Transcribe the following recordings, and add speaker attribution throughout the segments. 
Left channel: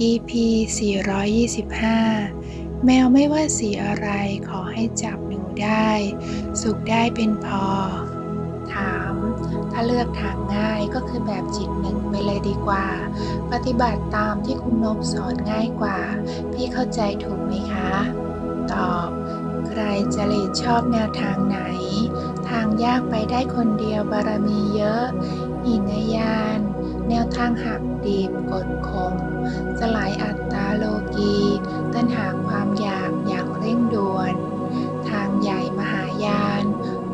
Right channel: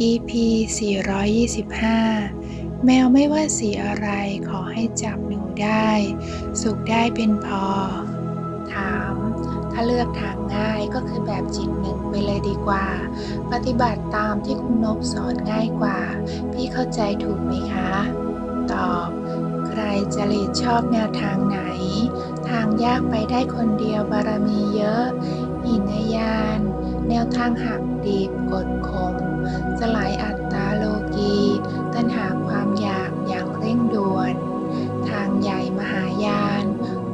Speaker 1: EP 425 แมวไม่ว่าสีอะไรขอให้จับหนูได้ สุขได้เป็นพอ ถาม ถ้าเลือกทางง่ายก็คือแบบจิตหนึ่งไปเลยดีกว่า ปฏิบัติตามที่คุณนบสอนง่ายกว่า พี่เข้าใจถูกไหมคะ ตอบ ใครจริตชอบแนวทางไหน ทางยากไปได้คนเดียวบารมีเยอะ หินยาน แนวทางหักดีบกดข่มสลายอัตตาโลกี ตัณหาความอยากอย่างเร่งด่วน ทางใหญ่มหายาน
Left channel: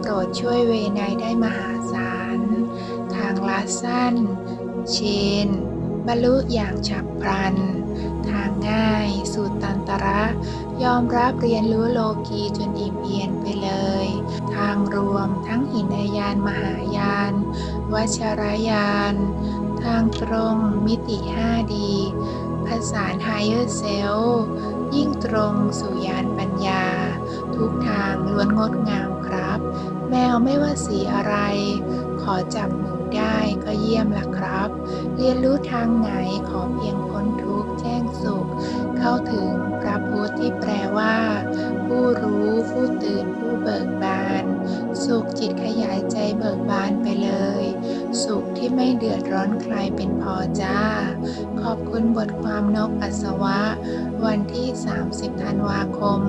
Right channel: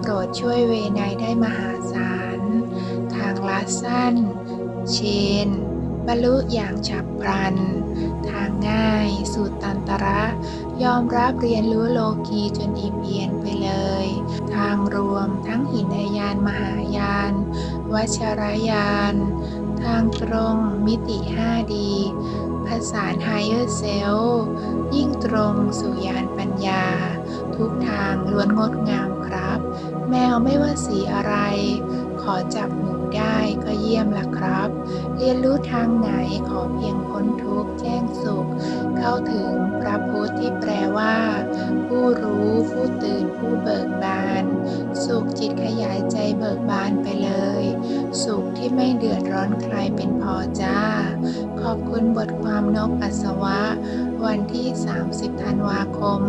Speaker 1: โปรดช่วยเวไนได้มหาศาล ทางลัดสั้น เชน บรรลุอย่างฉับพลัน ทางง่ายสูตรตันตระ ยอมรับเรียนรู้โลกีจนอิ่มเอียนไปเลย ทางรวมทั้งหินยานมหายาน วัชรยาน ทางตรงมิติ5ดีผสาน Higher Self ยิ่งตรงสู่ยานปัญญา ทุกทางล้วนงดงามครับ แมวไม่ว่าสีอะไร อจับหนูได้ก็เยี่ยมละครับ เรียนรู้ทางไหนขอเพียงพ้นทุกข์แจ้งสุข เข้าถึงพระพุทธที่แปลว่า ผู้รู้ผู้ตื่นผู้เบิกบาน สุขจิตขยายใจเบิกบานไปเลย สุขที่ไม่เดือดร้อนใครเป็นพอจ้า ขอบคุณบทความนกอัศวะ วันที่ 30 ธันวาคม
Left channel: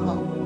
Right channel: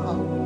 Speaker 1: 2566